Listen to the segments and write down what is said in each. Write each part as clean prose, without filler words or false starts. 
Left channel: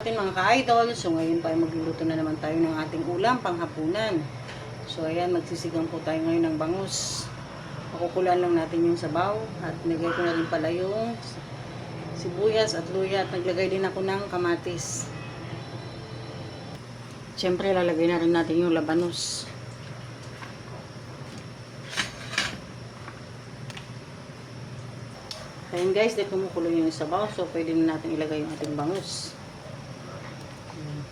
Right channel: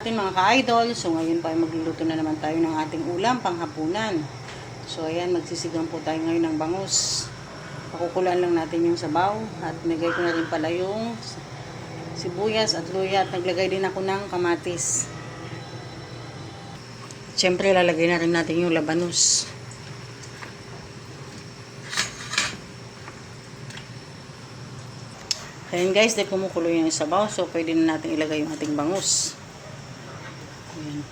Ating mga ka-idol, so ngayon pa magluluto na naman tayo ng ating ulam panghapunan. So ayan, magsisigang po tayo ngayon ng bangus. Pakukulan lang natin yung sabaw at nilagay ko na rin pala yung sibuyas at luya at naglagay din ako ng kamatis. Siyempre lalagay na rin natin yung labanos. Ayan guys, dahil kumukulo yung sabaw, so pwede na natin ilagay yung ating bangus. Ayan.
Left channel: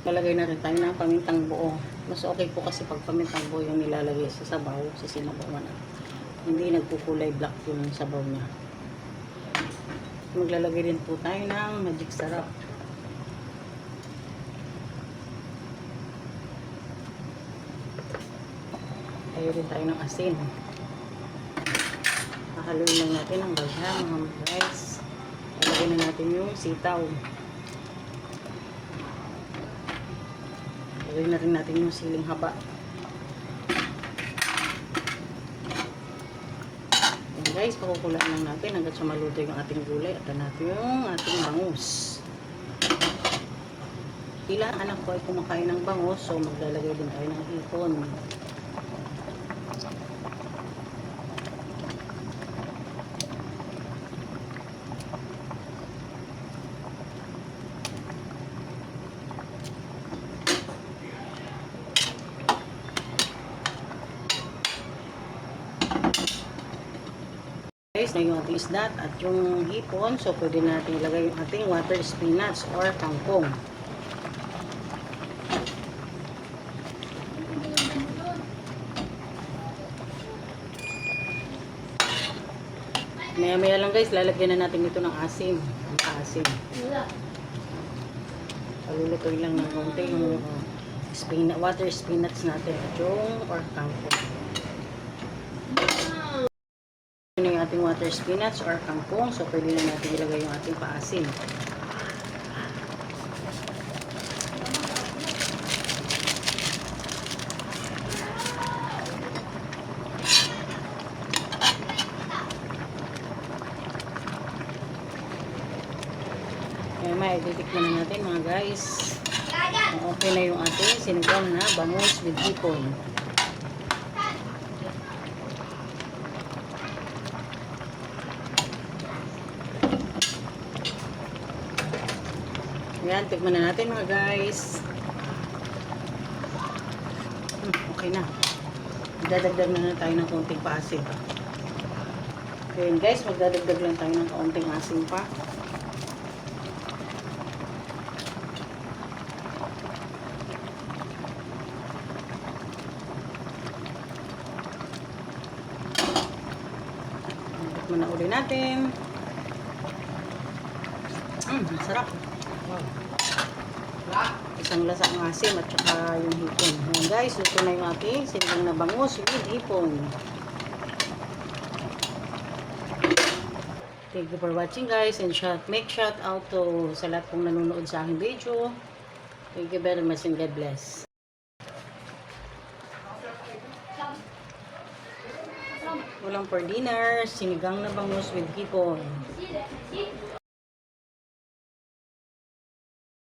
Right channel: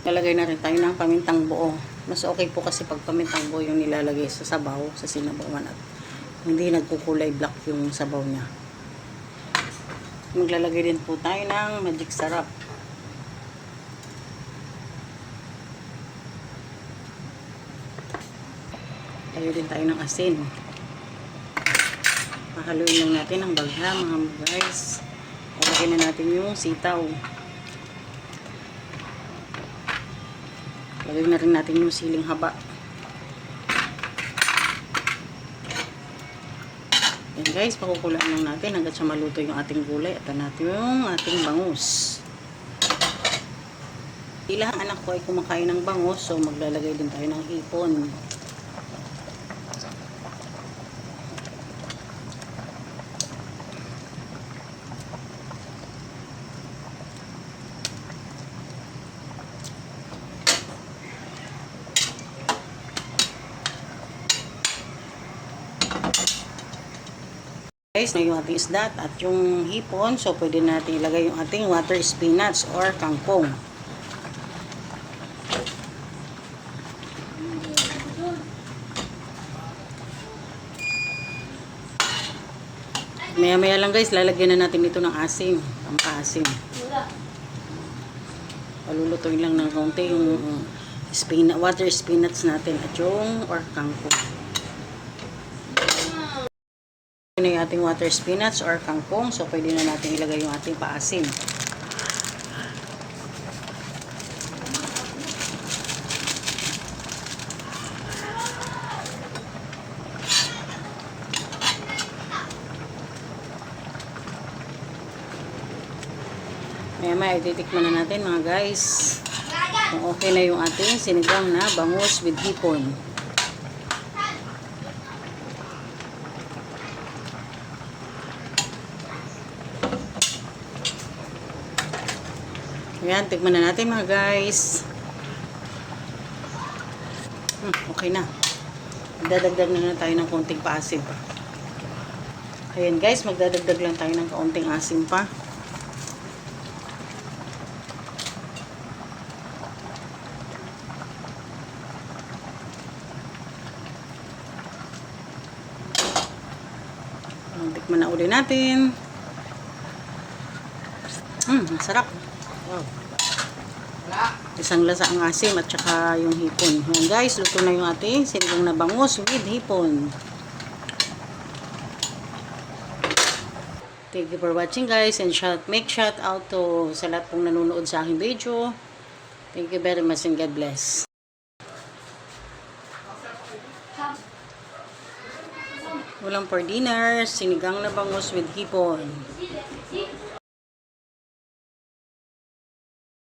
Lalagay na rin tayo ng pamintang buo. Mas okay po kasi pag pamintang buo yung nilalagay sa sabaw, sa sinabawan at hindi nagkukulay black yung sabaw niya. Maglalagay din po tayo ng magic sarap. Tayo din tayo ng asin. Makaluin lang natin ang baghang mga guys. Lagay na natin yung sitaw. Lagay na rin natin yung siling haba. Yan guys, pakukulaan lang natin hanggat sa maluto yung ating gulay at natin yung ating bangus. Ilang anak ko ay kumakain ng bangus, so maglalagay din tayo ng hipon. Guys, na yung ating isda at yung hipon, so pwede natin ilagay yung ating water spinach or kangkong. Maya maya lang guys, lalagyan na natin ito ng asim, ang asim. Palulutuin lang ng konti yung water spinach natin at yung or kangkong. Na yung ating water spinach or kangkong, so pwede na natin ilagay yung ating paasim. May titikman na natin mga guys kung okay na yung ating sinigang na bangus with hipon. Ayan, tikman na natin mga guys. Okay na. Magdadagdag na tayo ng konting paasim. Ayan guys, magdadagdag lang tayo ng konting asim pa. Tikman na uli natin. Masarap. Isang lasa ang asim at saka yung hipon. Ayan guys, luto na yung ating sinigang na bangus with hipon. Thank you for watching guys, and make shout out to sa lahat pong nanonood sa aking video. Thank you very much and God bless. Ulam for dinner, sinigang na bangus with hipon.